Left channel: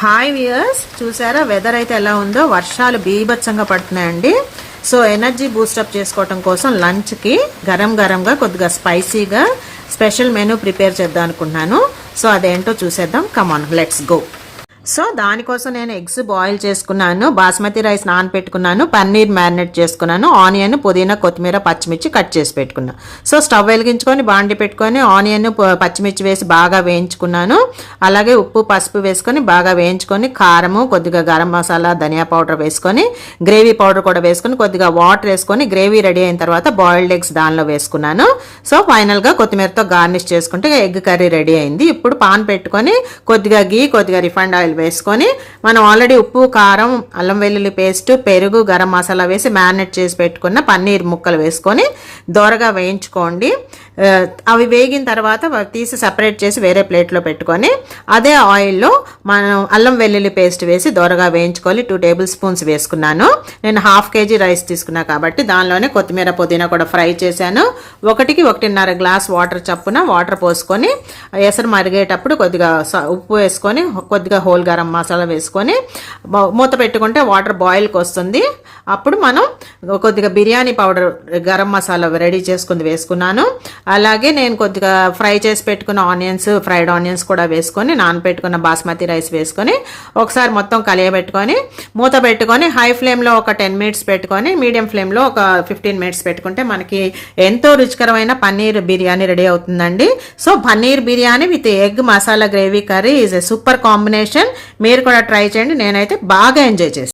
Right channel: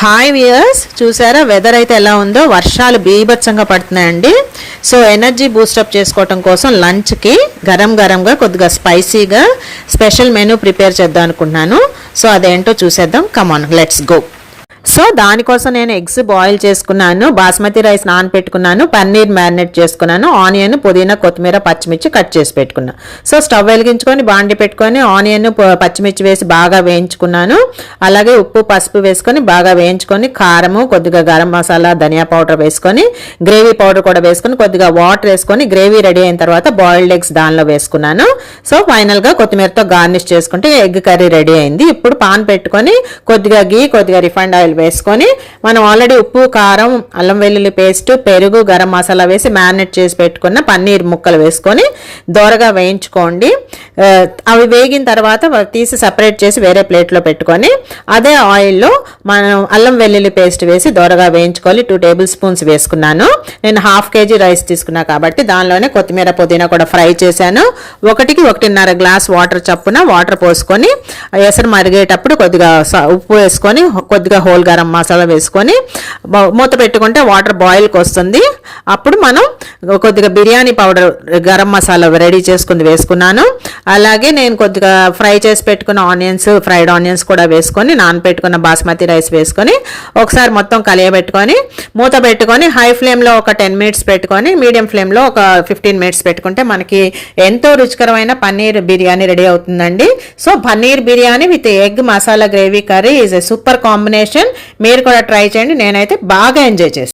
Hi viewers చూసారా? Weather అయితే ఎలా ఉందో? వర్షాలు బీభత్సంగా పడుతున్నాయండి. సో ఎనర్జీ బూస్టప్ చేసుకోవటం కోసం లంచ్కి గరం గరంగా కొద్దిగా స్పైసీగా స్పెషల్ మెనూ ప్రిపేర్ చేద్దాం అనుకుంటున్నాను. సో అదేంటో చూసేద్దాం. కమాన్ లెట్స్ గో సో దానికోసం నేను ఎగ్స్ బాయిల్ చేసుకున్నాను బాస్మతి రైస్ నానపెట్టుకున్నాను పన్నీర్ మ్యారినేట్ చేసుకున్నాను ఆనియన్ పుదీనా కొత్తిమీర పచ్చిమిర్చి కట్ చేసి పెట్టుకున్నాను సో స్టవ్ వెలిగించుకొని బాండి పెట్టుకొని ఆనియన్ పచ్చిమిర్చి వేసి బాగా వేయించుకున్నాను. అలాగే ఉప్పు పసుపు వేసుకొని బాగా వేయించుకొని కారము కొద్దిగా గరం మసాలా ధనియా పౌడర్ వేసుకొని గ్రేవీ పౌడర్ కూడా వేసుకొని కొద్దిగా వాటర్ వేసుకొని గ్రేవీ రెడీ అయిన తర్వాత బాయిల్డ్ ఎగ్స్ దానిలో వేసుకున్నాను. సో ఫైనల్గా కొత్తిమీరతో గార్నిష్ చేసుకుంటే ఎగ్ కర్రీ రెడీ అయింది. ఇప్పుడు పాన్ పెట్టుకొని కొద్దిగా గీ కొద్దిగా రిఫైండ్ ఆయిల్ వేసుకొని మనం ఆల్రెడీ ఉప్పు కారం అల్లం వెల్లుల్లి పేస్ట్ పెరుగు గరం మసాలా వేసి మ్యారినేట్ చేసి పెట్టుకున్న పన్నీర్ ముక్కలు వేసుకొని దోరగా వేయించుకోండి. అవి వేగిన తర్వాత తీసి సపరేట్ చేసి వేరే ప్లేట్లో పెట్టుకొని అదే ఆయిల్లో మనం అల్లం వెల్లుల్లి పేస్ట్ వేసి దోరగా వేయించుకోవాలి. టూ టేబుల్ స్పూన్స్ వేసుకున్నాను. నేను హాఫ్ కేజీ రైస్ తీసుకున్నా కాబట్టి దానిలోనే కొత్తిమీర పుదీనా కూడా ఫ్రై చేశాను. ఒకటికి ఒకటిన్నర గ్లాస్ వాటర్ చప్పున వాటర్ పోసుకొని ఎసరు మరిగేటప్పుడు కొద్దిగా స- ఉప్పు వేసుకొని కొద్దిగా హోల్ గరం మసాలా వేసుకొని మూత పెట్టుకుంటే వాటర్ బాయిల్కి వస్తుంది అప్పుడు మనం కొద్దిగా బిర్యానీ పౌడర్ గరం మసాలా రెడీ చేసుకుంది వేసుకున్నాను. అలాగే నేను కొద్దిగా ఫ్రై చేసి పెట్టుకున్న ఆనియన్స్ ఫ్రైడ్ ఆనియన్స్ కూడా వేసుకొని నానపెట్టుకున్న బాస్మతి రైస్ వేసుకొని ఒకసారి మొత్తం కలియబెట్టుకొని మూత పెట్టుకొని హై ఫ్లేమ్లో ఒక టెన్ మినిట్స్ పెట్టుకొని మీడియం ఫ్లేమ్లో ఒక ఫిఫ్టీన్ మినిట్స్ పెట్టుకుంటే మనకి ఎంతో రుచికరమైన పన్నీర్ బిర్యానీ రెడీ అవుతుందండి. So paneer biryani with egg masala gravy curry is a super combination. మీరు కూడా ట్రై చేయండి. నేనైతే బాగా ఎంజాయ్ చేస్తాను